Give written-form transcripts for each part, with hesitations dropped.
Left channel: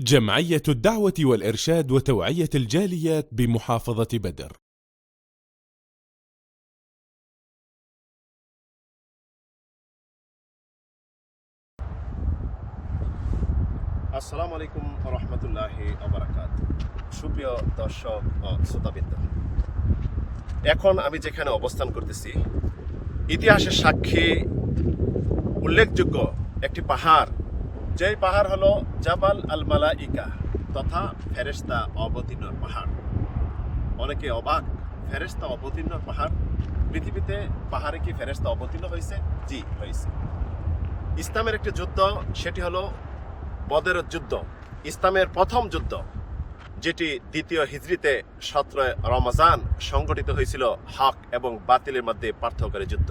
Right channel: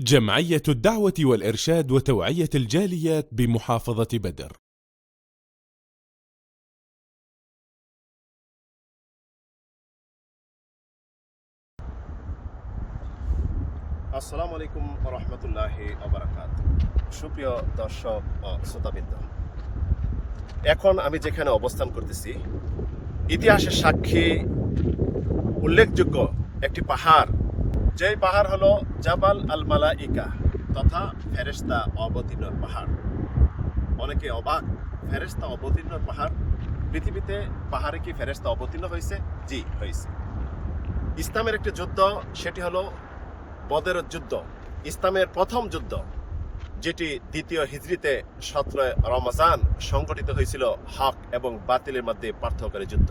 جمعية الدعوة والإرشاد وتوعية الجاليات بمحافظة بدر. আসসালামু আলাইকুম রহমতুল্লাহি ওয়াবারাকাতুহু। সুপ্রিয় দর্শক ও শ্রোতাবৃন্দ, এখন আমি যেখানে অবস্থান করতেছি ইতিহাসের সাক্ষী উল্লেখযোগ্য একটি পাহাড়, যেই পাহাড় হলো জাবাল আল মালাইকা তথা ফেরেশতা অবতীর্ণর পাহাড়। অনেকে অবাক, ফেরেশতা অবতীর্ণর পাহাড়? পৃথিবীতে পাহাড়ে কি ফেরেশতা অবতীর্ণ হয়েছে? জি, হয়েছে। ইসলামের একটি যুদ্ধ, সেটি হলো বদরের যুদ্ধ, ইসলামের প্রথম যুদ্ধ, যেটি দ্বিতীয় হিজরিতে 17 রমজান সংগঠিত হয়েছিল হক এবং বাতিলের মধ্যে পার্থক্যের যুদ্ধ।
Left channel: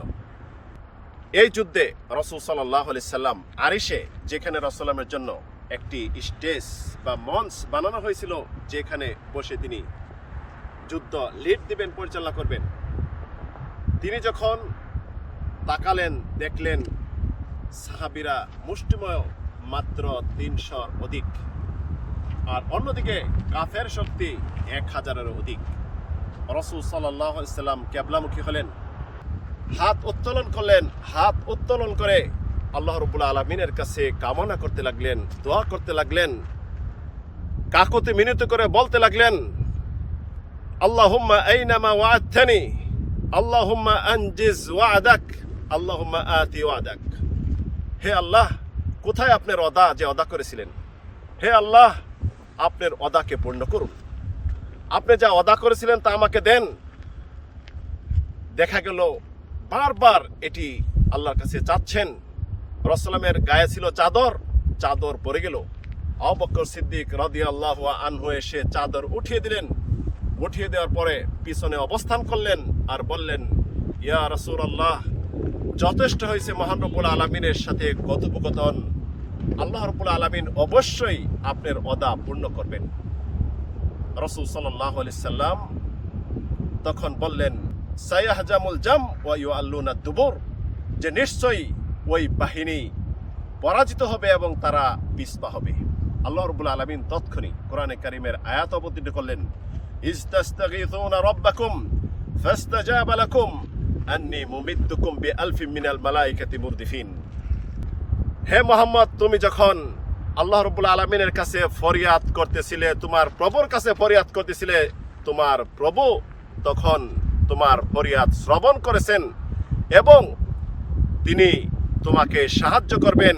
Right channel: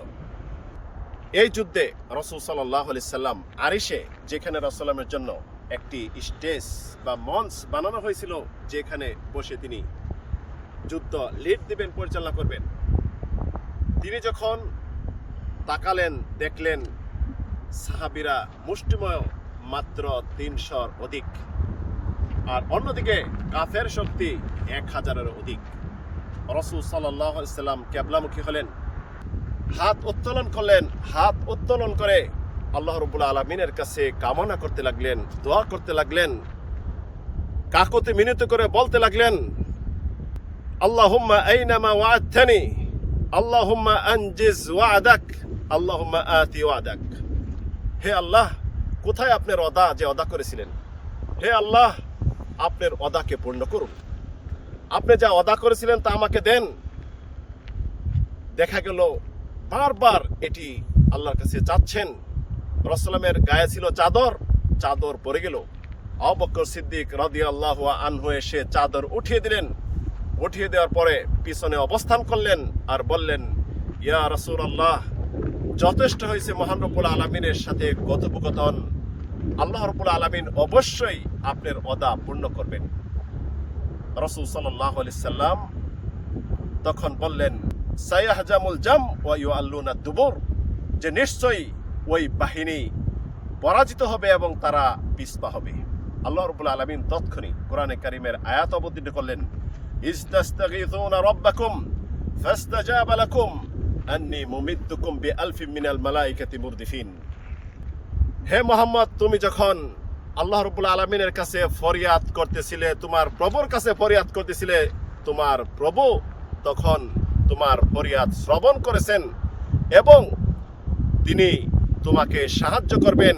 এই যুদ্ধে রাসূল সাল্লাল্লাহু আলাইহি সাল্লাম আরিশে, যেখানে রাসূলের জন্য একটি স্টেজ বা মঞ্চ বানানো হয়েছিল, যেখানে বসে তিনি যুদ্ধ লিড দিবেন, পরিচালনা করবেন, তিনি যখন তাকালেন দেখলেন সাহাবীরা মুষ্টিমেয় মাত্র 300-র অধিক, আর অন্যদিকে কাফের শক্তি 1000-এরও অধিক। রাসূল সাল্লাল্লাহু আলাইহি সাল্লাম কিবলামুখী হলেন, হাত উত্তোলন করলেন, হাত উত্তোলন করে আল্লাহ রাব্বুল আলামিনের কাছে কামনা করতে লাগলেন, দোয়া করতে লাগলেন, কাকুতি মিনতি করে বলতে লাগলেন, আল্লাহুম্মা আইনামা ওয়া'আদতানি আল্লাহুম্মা আনজিজ ওয়া'দাক আল্লাহুম্মা আতি ওয়া'দাক। হে আল্লাহ, কোথায় আপনার ওয়াদা যে ওয়াদা করেছিলেন? হে আল্লাহ, আপনার ওয়াদাকে পূর্ণ করুন, আপনি যা ওয়াদা করেছিলেন তা আমাকে দেন। দেখা গেল বারবার এটি আল্লাহর কাছে চাচ্ছেন। রাসূলের গায়ে ছিল চাদর, চাদর পরে গেল। আবু বকর সিদ্দিক রাদিয়াল্লাহু আনহু এসে চাদর উঠিয়ে দিলেন। উঠিয়ে দেওয়ার পরে পিছনে অবস্থান করলেন আর বললেন, ইয়া রাসূলুল্লাহ, যথেষ্ট হয়েছে মহান রব্বুল আলামিনের সাথে কথোপকথন। আল্লাহ রব্বুল আলামিন অবশ্যই আপনার ওয়াদা পূর্ণ করবেন। রাসূল সাল্লাল্লাহু আলাইহি সাল্লাম তখন বললেন, সায়াহজামুল জাম ওয়া ইউআল্লুনা দুবুর, যে নিশ্চয়ই ওই বাহিনী পরাজিত হবে এবং তারা পিছপা হবে। আল্লাহ রাব্বুল আলামিন তৎক্ষণাৎ কোরআনে কারীমের আয়াত অবতীর্ণ করলেন, ইস্তাস্তাগীথুনা রাব্বাকুম ফাস্তাজাবা লাকুম আন্নী মুমিদ্দুকুম বিআলফিন মিনাল মালাইকাতি মুরদিফিন। হে মুহাম্মদ, তুমি যখন আল্লাহ রাব্বুল আলামিনের কাছে ফরিয়াদ করতেছিলে, তোমার প্রভুর কাছে ফরিয়াদ করতেছিলে, তোমার প্রভু তখন তোমার ফরিয়াদ শ্রবণ করেছেন এবং তিনি তোমাকে সাহায্য করবেন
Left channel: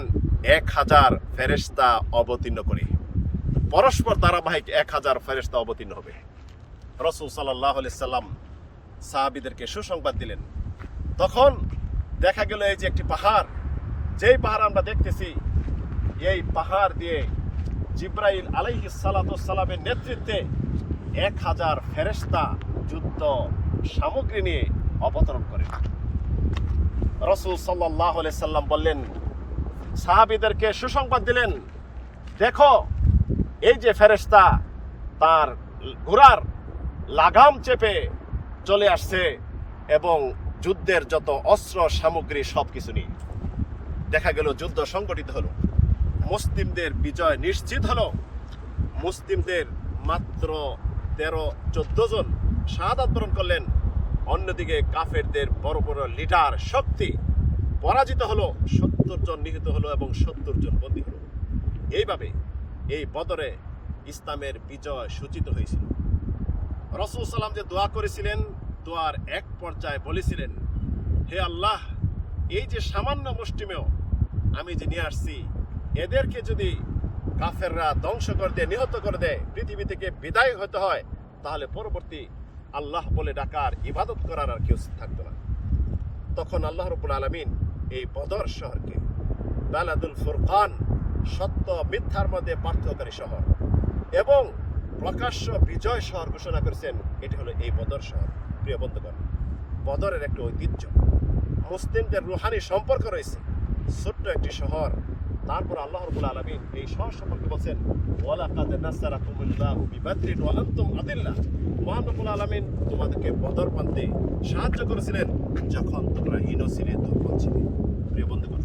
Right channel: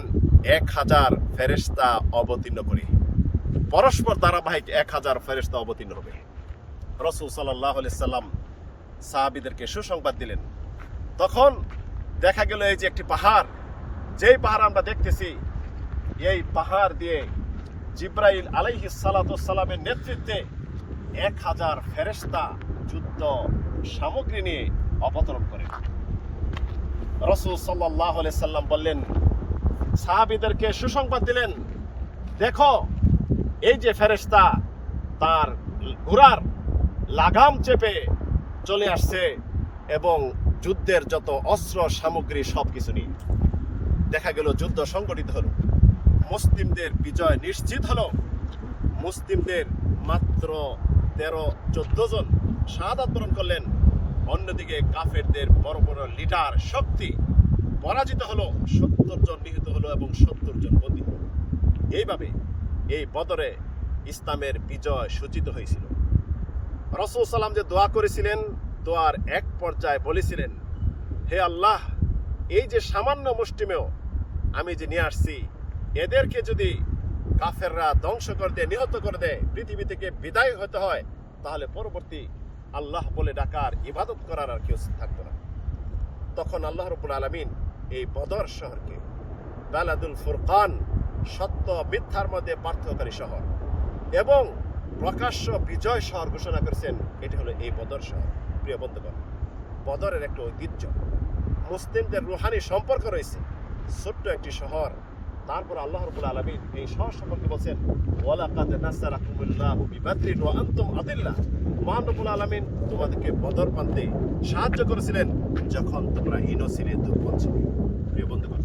1000 ফেরেশতা অবতীর্ণ করে। পরস্পর ধারাবাহিক 1000 ফেরেশতা অবতীর্ণ হবে। রাসূল সাল্লাল্লাহু আলাইহি সাল্লাম সাহাবীদেরকে সুসংবাদ দিলেন। তখন দেখা গেল এই যে একটি পাহাড়, যেই পাহাড় আমরা দেখতেছি, এই পাহাড় দিয়ে জিবরাইল আলাইহিস সালাতু ওয়াস সালামের নেতৃত্বে 1000 ফেরেশতা যুদ্ধ সামগ্রী নিয়ে অবতরণ করে। রাসূল সাল্লাল্লাহু আলাইহি সাল্লাম বললেন, সাহাবীদেরকে সুসংবাদ দিলেন, দেখো এই যে ফেরেশতা তার ঘোড়ার লাগাম চেপে চলে আসছে এবং যুদ্ধের যত অস্ত্র সামগ্রী সবকিছু নিয়ে। দেখা গেল যুদ্ধ সংগঠিত হলো, মুসলিমদের বিজয় নিশ্চিত হলো। মুসলিমদের মাত্র 13-14 জন শাহাদাত বরণ করলেন। অন্যদিকে কাফেরদের বড় বড় লিডার শক্তি পরাজিত হলো, 70 জন নিহত হলো এবং 70 জন বন্দী হলো। এইভাবে এই বদরে ইসলামের বিজয় সূচিত হয়েছিল। রাসূল সাল্লাম যে দোয়া করেছিলেন, দোয়ার এক পর্যায়ে বলেছিলেন, হে আল্লাহ, এই যে সামান্য মুষ্টিমেয় আমি যে নিয়ে আসছি, এদেরকে যদি কাফেররা ধ্বংস করে দেয়, নিহত করে দেয়, পৃথিবী থেকে বিদায় হতে হয়, তাহলে পরবর্তী আল্লাহ বলে ডাকার, ইবাদত করার আর কেউ থাকতো না। তখন আল্লাহ রাব্বুল আলামিন এই বদর শহরকে বালাদুল ফুরকান, সত্য মিথ্যার মধ্যে পার্থক্যকারী শহর এবং প্রকাশ্য বিজয় শহর ঘোষণা করেছেন। এটি হলো এই বদর শহর। প্রিয় বন্ধুগণ, বদরের একটা ঐতিহ্য, মুসলিমদের রুহানি সম্পর্ক রয়েছে। ছোট্ট একটি শহর, তারপর আল্লাহ রাব্বুল আলামিন এই শহর সম্পর্কে বলেন, ওয়ালাকাদ নাসারাকুমুল্লাহু বিবাদরিন ওয়া আনতুম আদিল্লাহ। মহান রব্বুল আলামিন তোমাদেরকে বদর প্রান্তে সাহায্য করেছিলেন যখন তোমরা হীন ছিলে, দুর্বল ছিলে। প্রিয় বন্ধুগণ,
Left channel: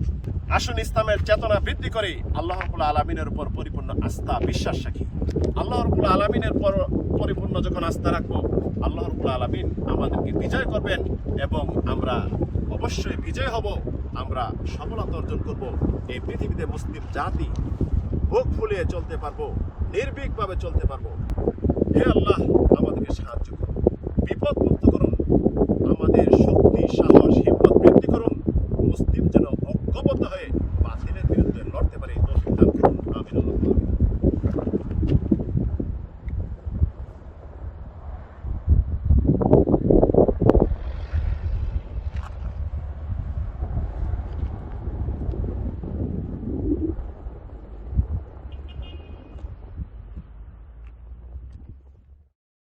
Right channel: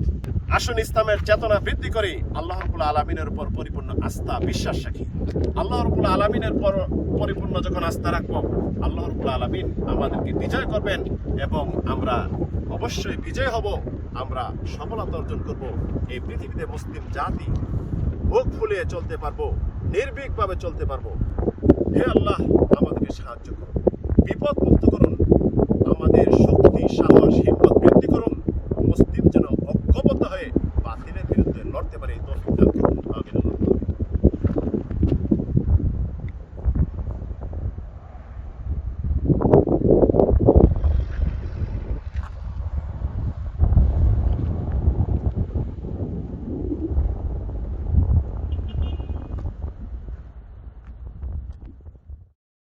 আসুন ইসলামের চেতনা বৃদ্ধি করে আল্লাহ রাব্বুল আলামিনের উপর পরিপূর্ণ আস্থা বিশ্বাস রাখি। আল্লাহ রাব্বুল আলামিনের উপর পরিপূর্ণ যখন আস্থা রাখবো, আল্লাহ রাব্বুল আলামিন আমাদেরকে বিজয় করবেন এবং আমরা অবশ্যই বিজয় হব। আমরা সফলতা অর্জন করব। এই পৃথিবীতে মুসলিম জাতি বুক ফুলিয়ে চলতে পারবো, নির্ভীকভাবে চলতে পারবো। হে আল্লাহ, আমাদেরকে সাহায্য করুন, বিপদ মুক্ত করুন, আমাদের শক্তি, সাহস, হিম্মত